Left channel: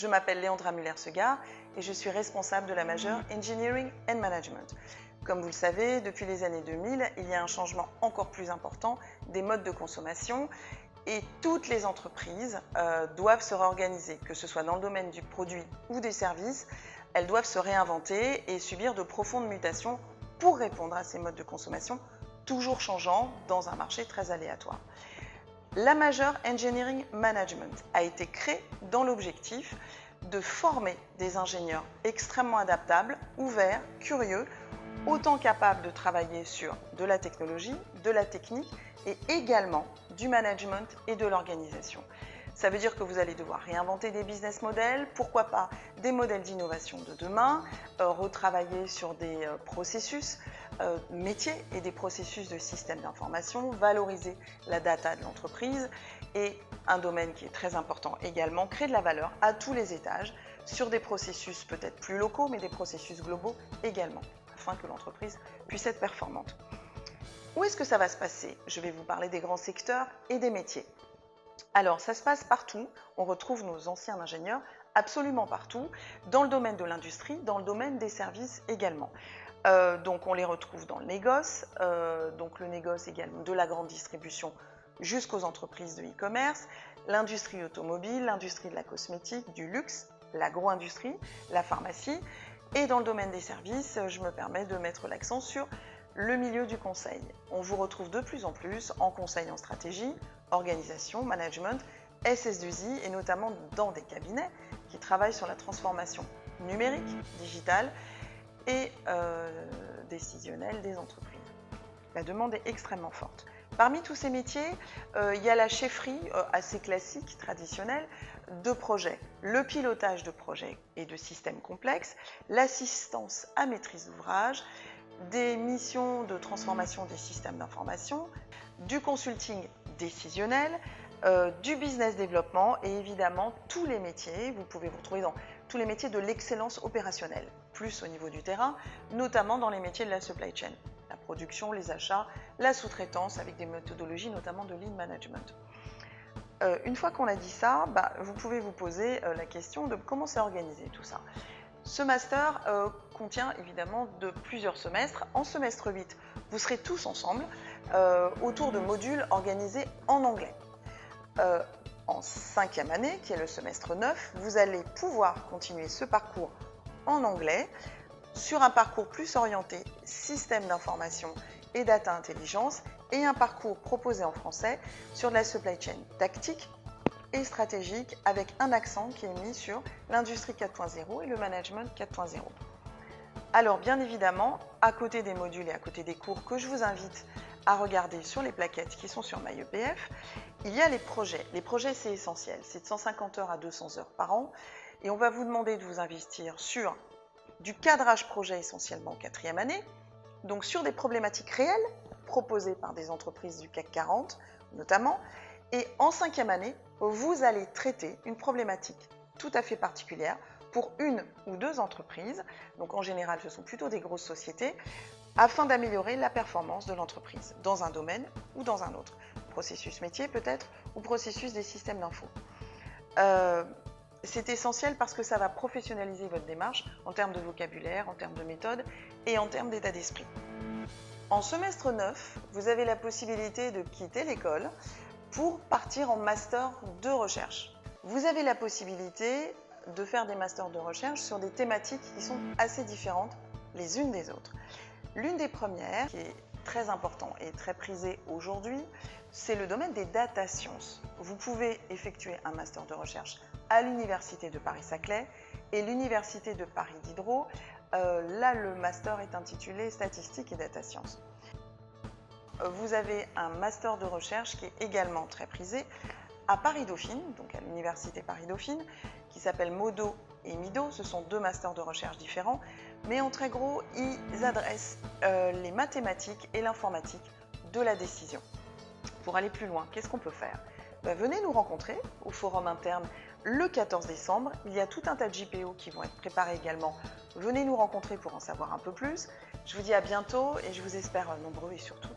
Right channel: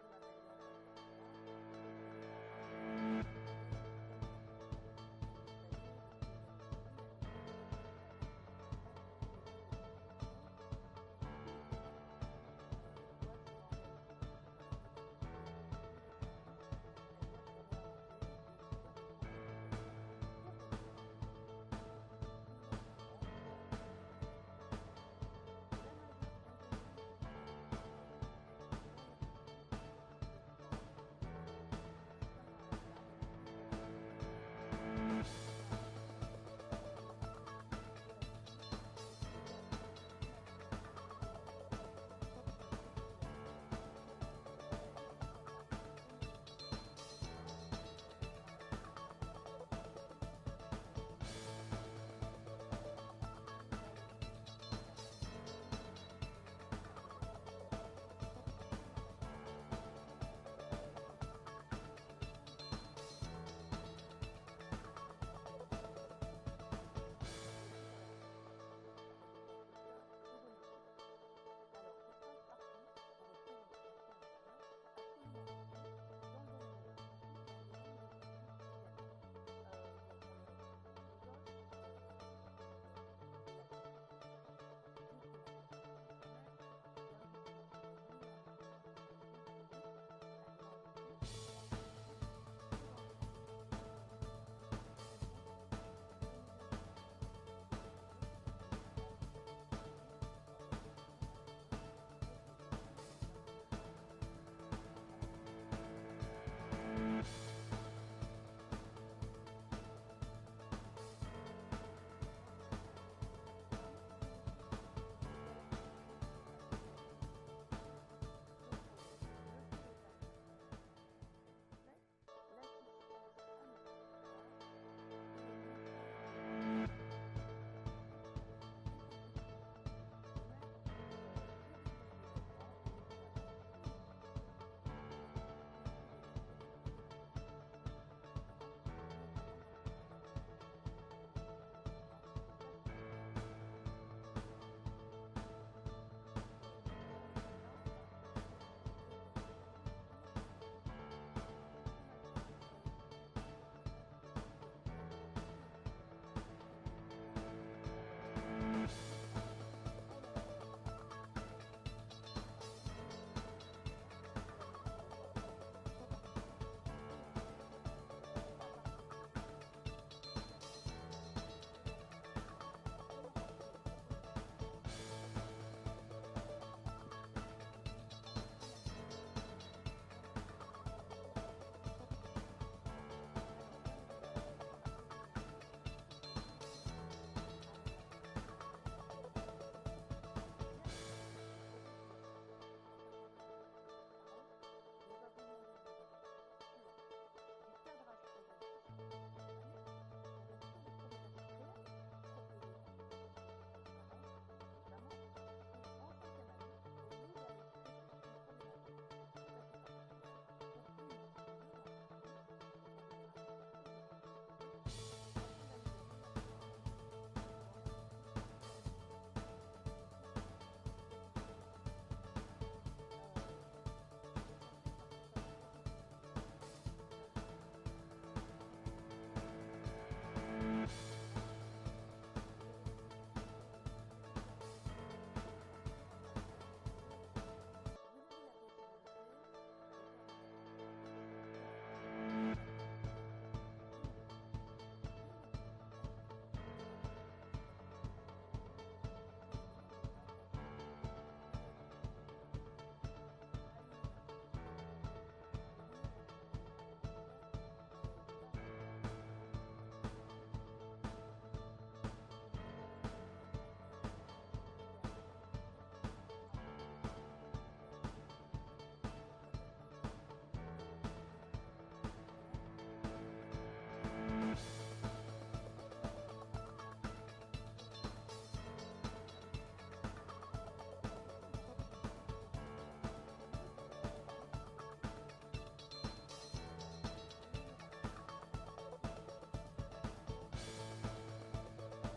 je m'appelle Léandra Muller-Segar et je suis responsable de la majeure Engineering and Management. Comme vous le savez, depuis les années 2000, il y a un changement encore plus important des modes de consommation et toutes les entreprises doivent se réorganiser, que ce soit dans le domaine du produit ou des services. Elles doivent se réinventer et subir de profondes mutations pour répondre à ces modes de consommation toujours changeants dans un marché très aléatoire. La majeure Engineering Management a été créée dans l'objectif de former des ingénieurs extrêmement adaptables, ouverts, curieux, autant capables de travailler sur de la technologie, de la technique et également du management et de l'organisation. Ça veut dire que vous allez devoir réinventer des business models, pourquoi pas des modèles d'innovation de demain, retravailler sur des processus métiers et des processus de système d'information, valoriser la data de l'entreprise et un domaine qui est très important également, créer de la valeur à tous les étages sur des processus peut-être plus locaux mais des processus globaux également afin que l'entreprise puisse être performante. Où est-ce que ça va se passer? Je vais vous parler des grands secteurs et des métiers. Alors, ça se passe partout. On retrouve nos anciens ingénieurs absolument partout, dans le domaine de l'industrie, dans le domaine des services également. Donc, on les retrouve dans le négoce, donc le négoce également de la grande distribution jusqu'aux entreprises de e-commerce, l'industrie automobile, l'industrie de la cosmétique, du luxe, l'agro-industrie, la pharmacie. Et dans le domaine des services, je me permets de mettre l'accent sur le milieu du conseil. On vous retrouve de plus en plus en conseil en stratégie, organisation, management, SS2I et notamment dans des cabinets qui travaillent sur la transformation numérique, digitale et décisionnelle des entreprises. La demande est extrêmement forte. Parmi tous ces métiers, il y a la chefferie assez classique, traditionnelle, de projets, le pilotage de projets et de systèmes complexes, l'assistance à maîtrise d'ouvrage, des missions de transformation des systèmes d'information, du consulting décisionnel, du business développement et évidemment tous les métiers, vous pouvez vous retrouver dans tous les métiers de l'excellence opérationnelle, plus au niveau du terrain, notamment dans les métiers de la supply chain, la production, les achats, la sous-traitance avec des méthodologies notamment de lean management. Une fois qu'on a dit ça, vous pouvez vous poser la question de comment c'est organisé tout ça. Ce master contient évidemment de plusieurs semestres. En semestre 8, vous serez tous ensemble autour de modules organisés en anglais. En 5e année, qui est le semestre 9, vous allez pouvoir continuer ce parcours en anglais sur un parcours plus orienté système d'information et data intelligence et un parcours proposé en français sur de la supply chain tactique et stratégique avec un accent qui est mis sur l'industrie 4.0 et le management 4.0. Alors bien évidemment, à côté des modules et à côté des cours que je vous invite à regarder sur les plaquettes qui sont sur MyEPF, il y a les projets. Les projets, c'est essentiel, c'est de 150 heures à 200 heures par an et on va vous demander de vous investir sur du cadrage projet essentiellement en 4e année, donc sur des problématiques réelles proposées par des entreprises du CAC 40 notamment, et en 5e année, vous allez traiter une problématique tout à fait particulière pour une ou deux entreprises, donc en général ce sont plutôt des grosses sociétés, afin d'améliorer la performance de l'entreprise dans un domaine ou dans un autre. Processus métier peut-être, ou processus des systèmes d'info. C'est essentiel parce que ça va professionnaliser votre démarche en termes de vocabulaire, en termes de méthode et en termes d'état d'esprit. En semestre 9, vous avez la possibilité de quitter l'école pour partir en master de recherche. Vous avez la possibilité de faire des masters de recherche sur des thématiques qui sont assez différentes les unes des autres. L'une des premières, qui est très importante et très prisée aujourd'hui, c'est le domaine des data sciences. Vous pouvez effectuer un master de recherche à l'Université de Paris-Saclay et l'Université de Paris Diderot. Là, le master est intitulé Statistique et Data Science. Vous avez un master de recherche qui est également très prisé à Paris-Dauphine, donc à l'Université Paris-Dauphine, qui s'appelle Modo et Mido. Ce sont deux masters de recherche différents, mais en très gros, ils adressent les mathématiques et l'informatique de la décision. Pour aller plus loin, qu'est-ce qu'on peut faire? Venez nous rencontrer au forum interne le 14 décembre. Il y a tout un tas de JPO qui vont être préparés également. Venez nous rencontrer pour en savoir un peu plus. Je vous dis à bientôt et je vous espère nombreux et surtout